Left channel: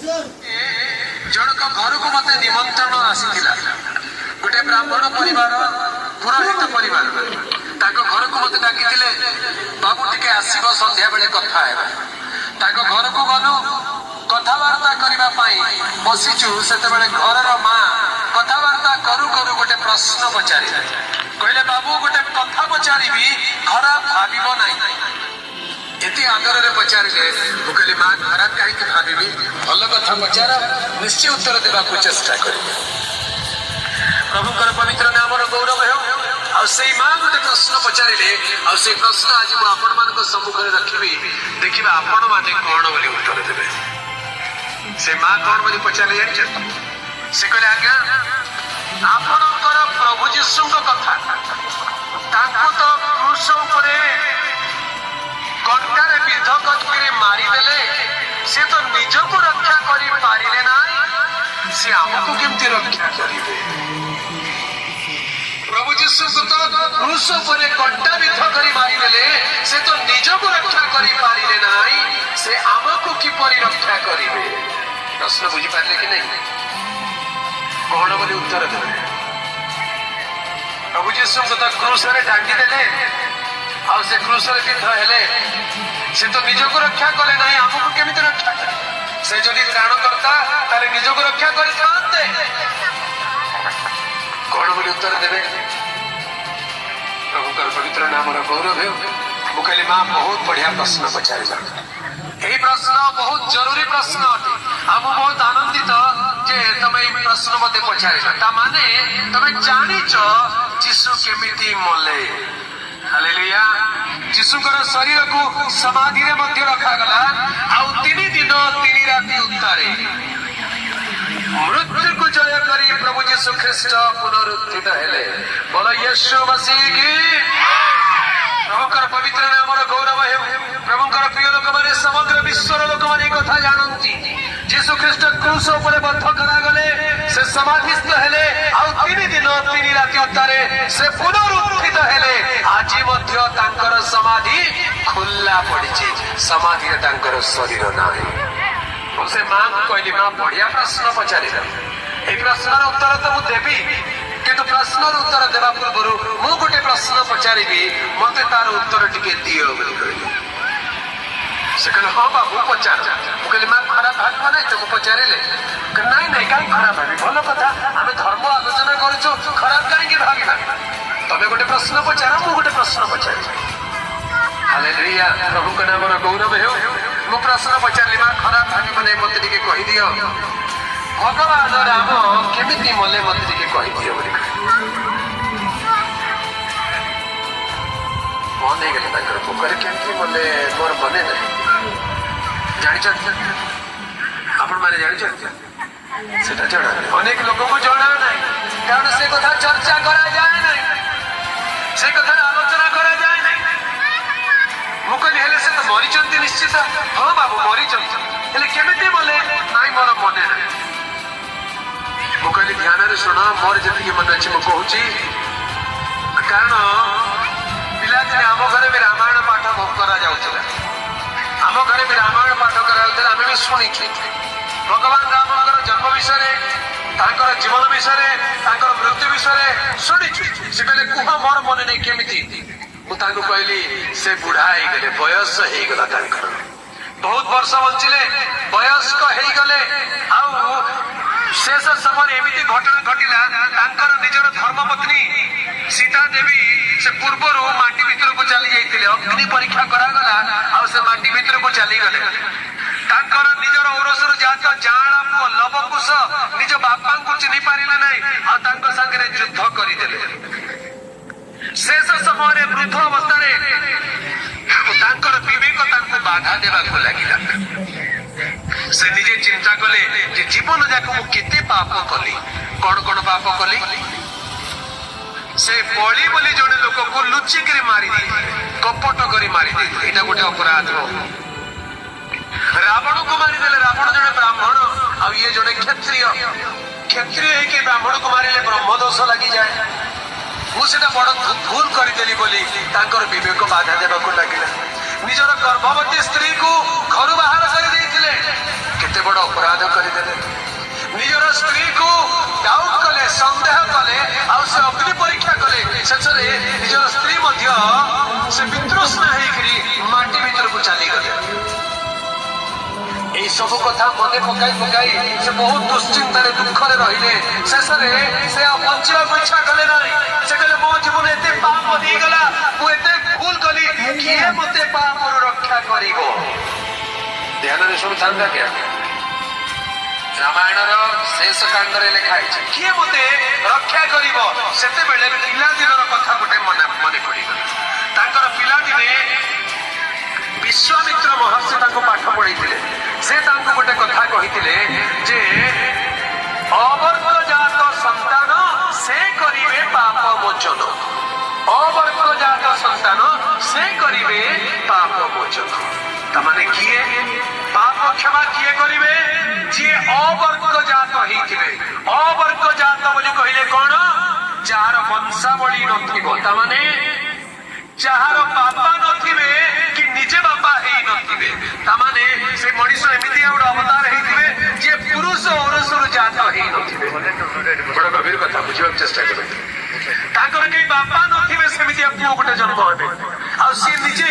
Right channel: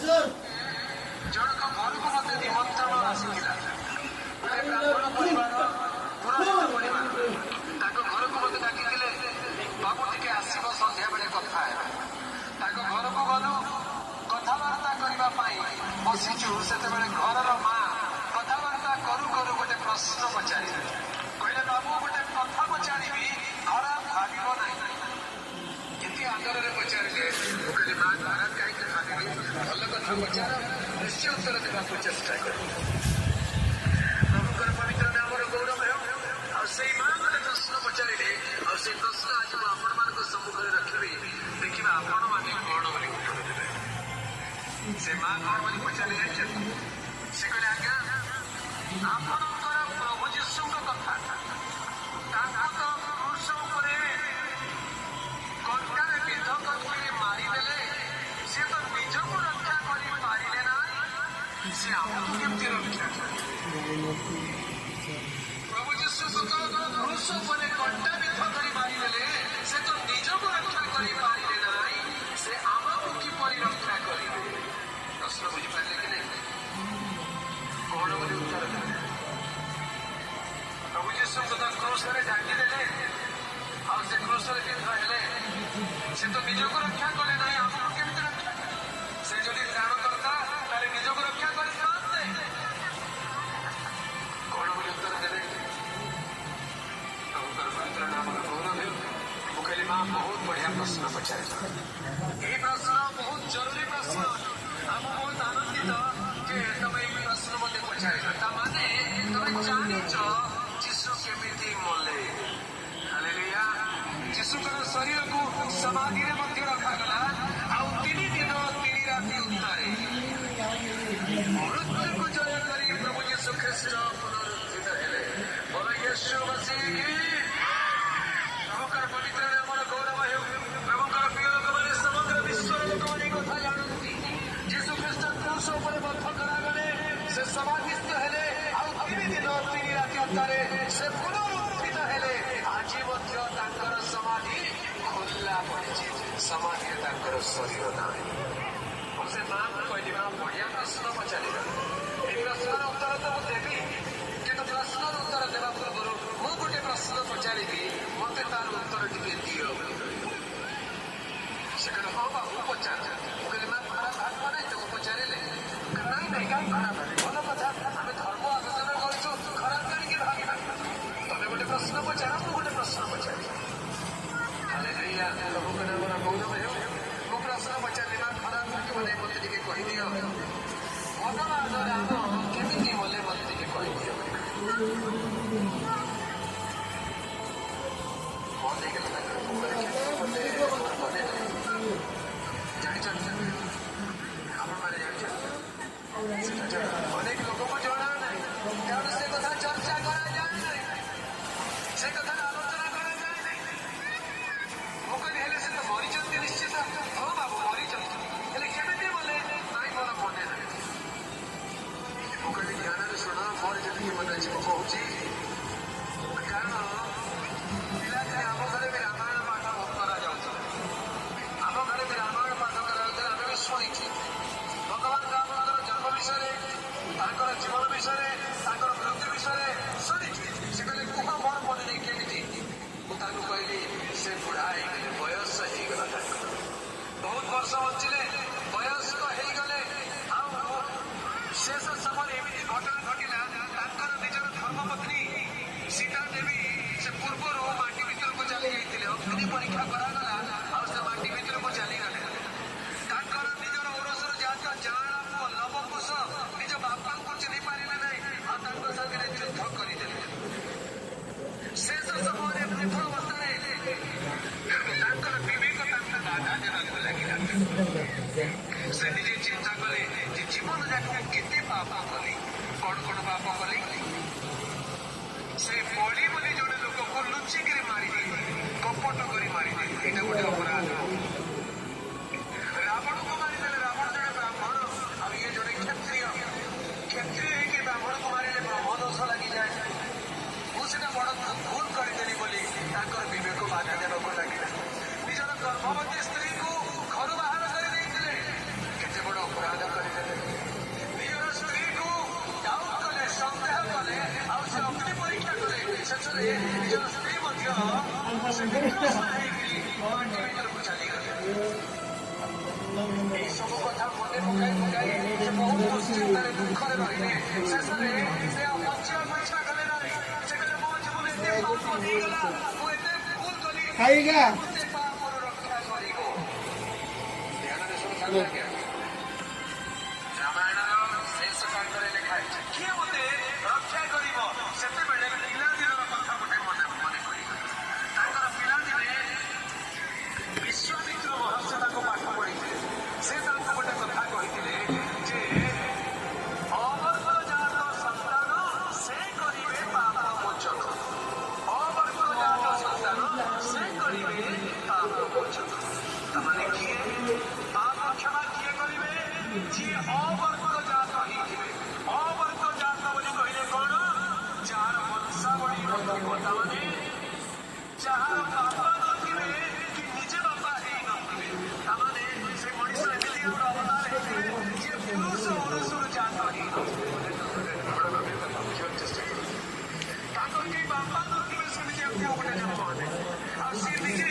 ଜଣକ ଘରକୁ ମତେ ନିମନ୍ତ୍ରଣ ଆସିଥିଲା। ଗୋଟେ ବ୍ରାହ୍ମଣ ପରିବାର, ପୁରୋହିତ ପରିବାର, ତାଙ୍କ ଘରକୁ ମତେ ଡାକିଥିଲେ, ବାବୁ ଟିକେ ଆସିବ, ସନ୍ଧ୍ୟା ବେଳେ କଥା ହେବା। ତାଙ୍କ ଘରକୁ ଗଲୁ, କଥାବାର୍ତ୍ତା କରିବା ପାଇଁ ବସିଛୁ। ସେତେବେଳେ ଘରର ମା କଥାବାର୍ତ୍ତା କରୁ କରୁ ଗୋଟେ ପ୍ରଶ୍ନ ପଚାରିଲେ। କହିଲେ, ବାବୁ ଗୋଟେ କଥା ପଚାରିବି, ଖରାପ ଭାବିବ ନାହିଁ। ଏତେ ଆଦରରେ ପଚାରିଲେ। ମୁଁ କହିଲି, ମା ଖରାପ କାହିଁକି ଭାବିବି, ଭଲ କଥା ପଚାର, ନିଶ୍ଚୟ ଉତ୍ତର ଦେବାକୁ ଚେଷ୍ଟା କରିବି। ପ୍ରଭୁଙ୍କର ପବିତ୍ର ନାମର ଗୌରବ ହେଉ। ଆଉ ସେଇ ମା ଗୋଟେ ପ୍ରଶ୍ନ ପଚାରିଲେ, ଆଉ ସେଇ ପ୍ରଶ୍ନ ଆଜି ମୁଁ ଆପଣମାନଙ୍କ ସମ୍ମୁଖରେ ରଖିବି। ଦେଖିବା ଆପଣ ମାନେ କଣ ବୋଲି ଉତ୍ତର ଦେବେ। ସେ ମା କଣ ବୋଲି ପଚାରିଲେ ଜାଣିଛନ୍ତି? ସେ କହିଲେ, ଆଜ୍ଞା ଆପଣଙ୍କର ପ୍ରଭୁ ଯୀଶୁଙ୍କ କଥା, ତାଙ୍କୁ ତ କ୍ରୁଶ ଉପରେ କଣ୍ଟାରେ ବିଦ୍ଧ କରିକି ମାରିଦେଲେ, ସେ ତ ନିଜକୁ ରକ୍ଷା କରିପାରିଲେ ନାହିଁ, ସେ ଆମକୁ କେମିତି ରକ୍ଷା କରିବେ? ପ୍ରଭୁ ଯୀଶୁଙ୍କୁ ତ କ୍ରୁଶ ଉପରେ କଣ୍ଟା ବିଦ୍ଧ କରି ମାରିଦେଲେ, ସେ ତ ନିଜକୁ ରକ୍ଷା କରିପାରିଲେ ନାହିଁ, ସେ ଆମକୁ କିପରି ରକ୍ଷା କରିବେ? ପ୍ରଶ୍ନ ବୁଝିପାରିଲେ କି ନାହିଁ? କଣ ବୋଲି ଉତ୍ତର ଦେବେ? ପ୍ରଭୁ ଯୀଶୁଙ୍କୁ ତ କ୍ରୁଶରେ ଢାଙ୍କିଦେଲେ, ଆଉ ସେ କ୍ରୁଶରେ ବିଦ୍ଧ ହେଲେ, ସେ ତ ନିଜକୁ ରକ୍ଷା କଲେ ନାହିଁ, ଆମକୁ କେମିତି ରକ୍ଷା କଲେ? ସେ ଯଦି ତ୍ରାଣକର୍ତ୍ତା, ତାହେଲେ ନିଜକୁ ରକ୍ଷା କରିଥାନ୍ତେ। କଣ ବୋଲି ଉତ୍ତର ଦେବେ? ପ୍ରଭୁଙ୍କର ପବିତ୍ର ନାମର ଗୌରବ ହେଉ। ମୁଁ କହିଲି, ମା ବହୁତ ବଢିଆ ପ୍ରଶ୍ନ ପଚାରିଲ। ଏହି ପ୍ରଶ୍ନ ବହୁତ ଜରୁରୀ ପ୍ରଶ୍ନ ଅଟେ। ଆଉ ମୁଁ ବହୁତ ଆନନ୍ଦିତ ଯେ ତମେ ଏହି ପ୍ରଶ୍ନ ମତେ ପଚାରିଲ। ତା ମାନେ ତମେ ଜାଣିଛ ଯୀଶୁ କେମିତି ମଲେ। ହାଲେଲୁୟା। ଯୀଶୁଙ୍କର ଶରୀରକୁ ସମାଧିରେ ମଧ୍ୟ ରଖାଗଲା, ଆଉ 3 ଦିନ 3 ରାତି ଉତ୍ତାରେ ମୃତ୍ୟୁକୁ ଜୟ କରି ପ୍ରଭୁ ଯୀଶୁ ଖ୍ରୀଷ୍ଟ ପୁନରୁତ୍ଥିତ ହେଲେ। ବୋଲ ୟୀଶୁ ମସିହ କି। ପ୍ରଭୁଙ୍କର ପବିତ୍ର ନାମର ଗୌରବ ହେଉ। ପ୍ରଭୁଙ୍କର ପ୍ରିୟ ଲୋକମାନେ, ସମଗ୍ର ବିଶ୍ୱର ଲୋକମାନେ ଏହି କଥା ଜାଣନ୍ତି। ଯୀଶୁ ଖ୍ରୀଷ୍ଟ କ୍ରୁଶ ଉପରେ ବଦ୍ଧ କରାଗଲେ, ସେ ସମାଧିସ୍ଥ ହେଲେ, ଆଉ 3 ଦିନ 3 ରାତି ଉତ୍ତାରେ ସେ ପୁନରୁତ୍ଥିତ ହେଲେ। ଆଜି ମଧ୍ୟ ତାଙ୍କର ସମାଧି ଖୋଲା ପଡିଛି, ସମାଧିରେ ତାଙ୍କର ଶରୀର ନାହିଁ। ମୁଁ ସେ ମାଙ୍କୁ କହିଲି, ମା ବଢିଆ ପ୍ରଶ୍ନ ପଚାରିଲ। এই ପ୍ରଶ୍ନର ଉତ୍ତର ତ ମୁଁ ଦେବି, କିନ୍ତୁ ପ୍ରଶ୍ନର ଉତ୍ତର ଦେବା ପୂର୍ବରୁ ମୁଁ ଗୋଟେ ପ୍ରଶ୍ନ ପଚାରିବି, ମତେ ତାର ଉତ୍ତର ଟିକେ ଦିଅ ବୋଲି କହିଲି। ସେ କହିଲେ, ହଁ ବାବୁ ପଚାର। ମୁଁ କହିଲି, ମା ଖରାପ ଭାବିବ ନାହିଁ ତ ମୁଁ ପଚାରିଲେ? ନାଇଁ ନାଇଁ, କାହିଁକି ଖରାପ ଭାବି, ଭଲ କଥା, ଆମେ ଧର୍ମ ଆଲୋଚନା କରୁଛୁ, ଖରାପ କାହିଁକି ଭାବିବା? ତମେ ଗୋଟେ ପ୍ରଶ୍ନ ପଚାର, ମୁଁ ଗୋଟେ ପ୍ରଶ୍ନ ପଚାରିବି। ହାଲେଲୁୟା। ପ୍ରଭୁଙ୍କ ନାମର ଗୌରବ ହେଉ। ମୁଁ ପ୍ରଶ୍ନ ପଚାରିଲି, ମା ଖରାପ ଭାବିବ ନାହିଁ, ମତେ ଟିକେ କହିଦିଅ, ଭଗବାନ ରାମ କେମିତି ମଲେ, ମତେ ଟିକେ କହିଦିଅ ବୋଲି ମନେ ହେଇଗଲେ। ତାଙ୍କର ପୋଖରୀ କେମିତି ମଲେ ମୋର ମନେ ନାହିଁ। ଜାଣିଛନ୍ତି ଆପଣ ମାନେ? ଜାଣିଛନ୍ତି ସେଟା ଜଣା? ଅନେକ ଲୋକଙ୍କୁ ଜଣା ନାହିଁ, କାରଣ ସେ କଥା ଚର୍ଚ୍ଚା କରାଯାଏ ନାହିଁ, ସେ କଥାର ଆଲୋଚନା କରାଯାଏ ନାହିଁ। ମୁଁ କହିଲି, ହେଲେ ସେ ତ ମରିଛନ୍ତି ନିଶ୍ଚିତ। ହଁ ବାବୁ ମରିଛନ୍ତି, ହେଲେ କେମିତି ମଲେ? ନାଇଁ ମୋର ମନେ ନାହିଁ। ମୁଁ କହିଲି, ଧ୍ୟାନରେ ଶୁଣ, ମୋର ଯେତିକି ମନେ ଅଛି ମୁଁ କହୁଛି। କାରଣ ପିଲାଦିନେ ଆମ ଘରେ ବି ରାମାୟଣ ପାଠ କରାଯାଉଥିଲା, ଆମ ଘରେ ବି ରାମାୟଣ ପାଠ କରାଯାଉଥିଲା, ଆମେ ବି ଶୁଣିଛୁ। ଭଗବାନ ରାମଙ୍କର ଜନ୍ମ ବିଷୟରେ, ତାଙ୍କର ଜୀବନ ବିଷୟରେ, ତାଙ୍କର ମୃତ୍ୟୁ ବିଷୟରେ ଶୁଣିଛୁ। ସେ କହିଲେ, କୁହ, ମୋର ମନେ ନାହିଁ କେମିତି? ମୁଁ ତାଙ୍କୁ କହିଲି, ସେ ବୁଢା ହେଇଗଲେ, ବୟସ ହେଇଗଲା ତାଙ୍କର, ବହୁତ ବର୍ଷ ବଞ୍ଚିଲେ, ବୟସ୍କ ହେଇଗଲେ, ଆଉ ଶେଷ ସମୟରେ ଏମିତି ଘଟଣା ଘଟିଲା, ତାଙ୍କର ନିଜର ଧର୍ମପତ୍ନୀ ସୀତା ଦେବୀ ସେ ପୂର୍ବରୁ ମାଟି ଭିତରକୁ ଚାଲି ଯାଇଥିଲେ, ଅଗ୍ନି ପରୀକ୍ଷା କରାଗଲା, ଆଉ ସେ ମାଟି ଭିତରକୁ ଚାଲିଗଲେ। ତାଙ୍କର ନିଜର ଔରସରୁ ଜାତ ଜାଆଁଳା ପୁଅ ଲବକୁଶ ନିଜ ବାପାଙ୍କୁ ଚିହ୍ନି ପାରିଲେ ନାହିଁ, ଆଉ ତାଙ୍କ ସାଙ୍ଗରେ ଯୁଦ୍ଧ କରିଦେଲେ। ଶେଷ ସମୟରେ ବୃଦ୍ଧ ଅବସ୍ଥାରେ ତାଙ୍କର ବିବେକ ତାଙ୍କୁ ବାଧା ଦେବାକୁ ଲାଗିଲା। ସେ ନିଜେ ଚିନ୍ତା କଲେ ଯେ ଜୀବନ ଯାକ ମୁଁ କେତେ ପାପ କଲି, କଣ କଣ ପାପ କଲି? ସେ ବଳି ବୋଲି ଜଣେ ଲୋକକୁ ଲୁଚିକିରି ମାରି ଦେଇଥିଲେ, କପଟ କରି ମାରି ଦେଇଥିଲେ, ଏଇଟା ଗୋଟେ ଅପରାଧ। ରାବଣକୁ ମାରିଦେଲେ, ରାବଣ ଜଣେ ବ୍ରାହ୍ମଣ, ଆଉ ଇଏ ଜଣେ କ୍ଷତ୍ରିୟ। କ୍ଷତ୍ରିୟ ହେଇକି ବ୍ରାହ୍ମଣକୁ ମାରିଲେ ବ୍ରହ୍ମ ଦୋଷ ଲାଗିଯାଏ। ମୁଁ ସେଟା ବଡ ଭୁଲ କରିଦେଲି ବୋଲି ତାଙ୍କର ବିବେକ ବାଧା ଦେବାକୁ ଲାଗିଲା। ନିଜର ଗର୍ଭବତୀ ସ୍ତ୍ରୀକୁ ଘରୁ ବାହାର କରି ଦେଇଥିଲେ, କେତେ ବଡ ଅପରାଧ ନିଜର ସ୍ତ୍ରୀକୁ ଡାଉଟ୍ କଲେ, ସନ୍ଦେହ କଲେ, ଆଉ ସେ ଅଗ୍ନି ପରୀକ୍ଷା କଲେ। ଶେଷରେ ନିଜର ସ୍ତ୍ରୀ ମଧ୍ୟ ସେ ବିତୃଷ୍ଣା ହେଇକରି ମାଟି ଭିତରକୁ ଚାଲିଗଲେ। এই ସବୁ କଥା ମନେ ପକାଇ ପକାଇ ସେ ବହୁତ ଦୁଶ୍ଚିନ୍ତାରେ ଦୁଃଖରେ ରହିଲେ। ଶେଷରେ ସେ ଆଉ ବଞ୍ଚିବାକୁ ଇଚ୍ଛା କଲେ ନାହିଁ। ସେ କହିଲେ ମୋ ଜୀବନ ଏତେ ପାପ ହେଇଗଲା, ମୁଁ ଏତେ ଭୁଲ କଲି, କିଏ ମତେ ପାପରୁ ରକ୍ଷା କରିବ? ଧ୍ୟାନରେ ଶୁଣୁଥାନ୍ତା ଆଜ୍ଞା, ରାମାୟଣର ଶେଷ କାଣ୍ଡରେ ଲେଖା ହେଇଛି କିଏ ମତେ ରକ୍ଷା କରିବ? ସେତେବେଳେ ପିଲାଦିନର କଥା ଗୋଟେ ମନେ ପଡିଗଲା। ତାଙ୍କର ପିଲାଦିନେ ବିଶ୍ୱାମିତ୍ର ମହର୍ଷି ତାଙ୍କୁ ପାଠ ପଢେଇଥିଲେ। ସେ ତାଙ୍କୁ ଗୋଟେ କଥା କହିଥିଲେ ଯେ ଅବର୍ଗଜାତ ସନ୍ତାନ ସେ କରିବେ ପାପ ମୋଚନ। ଅବର୍ଗଜାତ ସନ୍ତାନ ସେ କରିବେ ପାପ ମୋଚନ। ତାମାନେ କିଏ ପାପ କ୍ଷମା କିଏ କରିବେ? ଯିଏ ଅବର୍ଗଜାତ ହେଇଥିବେ। ଅବର୍ଗଜାତ ବୋଲି କହିଲେ କଣ? ଯାହାର ବଂଶାବଳୀ ନଥିବ, ତାମାନେ ଯାହାର ବାପା ନଥିବେ କି ନିଜେ ବାପା ହେଇ ନଥିବେ, ତାମାନେ ସେ ମଣିଷ ଏମିତି ଗୋଟେ ଅବତାର ହେଇଥିବେ ଯିଏ ପୁରୁଷ ଔରସରୁ ଜାତ ହେଇ ନଥିବେ। ବଡ ଗଭୀର କଥା, ବୁଝିବାକୁ ଚେଷ୍ଟା କରନ୍ତୁ। ତାଙ୍କର କେହି ବାପା ନଥିବେ, ସେମିତିଆ ପୁଅ ଗୋଟେ ଜନ୍ମ ହେବେ, ଆଉ ସିଏ ନିଜେ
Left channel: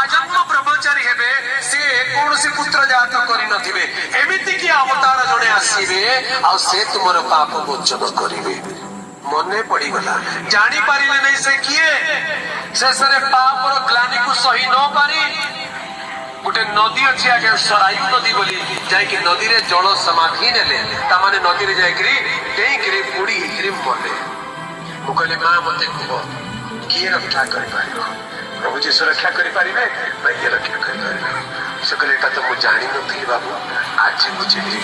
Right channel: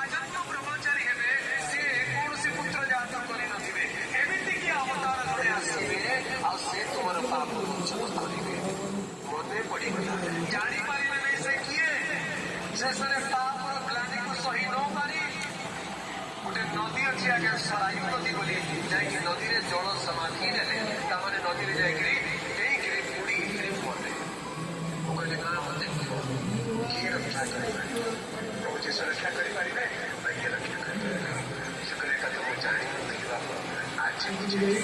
ଆଜନ୍ମ ବ୍ରହ୍ମଚାରୀ ହେବେ, ସେ କୌଣସି ପୁତ୍ର ଜାତ କରିନଥିବେ। ଏମିତି କି ଅବତାର ଜଣେ ଆସିବେ ଆଉ ସେ ତୁମର ପାପ ମୋଚନ କରିବେ। ମନେ ପଡିଗଲା, ଜାଣିପାରିଲେ ନାହିଁ ସେ କିଏ। ଶେଷରେ ପାପର ଗ୍ଲାନିକୁ ସହି ନ ପାରି ଗୋଟେ ନଦୀ ଅଛି ଆଜ୍ଞା, ସରାୟୁ ନଦୀ ବୋଲି, ଯାଇକି ନଦୀରେ ଜଳ ସମାଧି ନେଲେ। ତାମାନେ ନଦୀରେ ଯାଇକିରି ଡେଇଁକିରି ବୁଡି ହେଇକିରି ମଲେ। ମୁଁ କହିଲି ମା ମତେ କୁହ କିଏ ରକ୍ଷା କରିପାରିବ? ପ୍ରଭୁ ଯୀଶୁ ରକ୍ଷା କରିପାରିବେ ନା ଇଏ ରକ୍ଷା କରିପାରିବେ? ସେ କହିଲେ ଏଟା ତ ମୁଁ ଜାଣିନଥିଲି ବାବୁ, ଆଜି ବୁଝିଲି।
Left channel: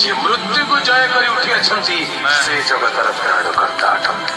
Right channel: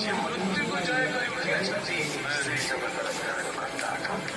ଯିଏ ମୃତ୍ୟୁକୁ ଜୟ କରି ଉଠି ଅଛନ୍ତି ସେ ଜଗତର ପ୍ରାଣକର୍ତ୍ତା ଅଟନ୍ତି।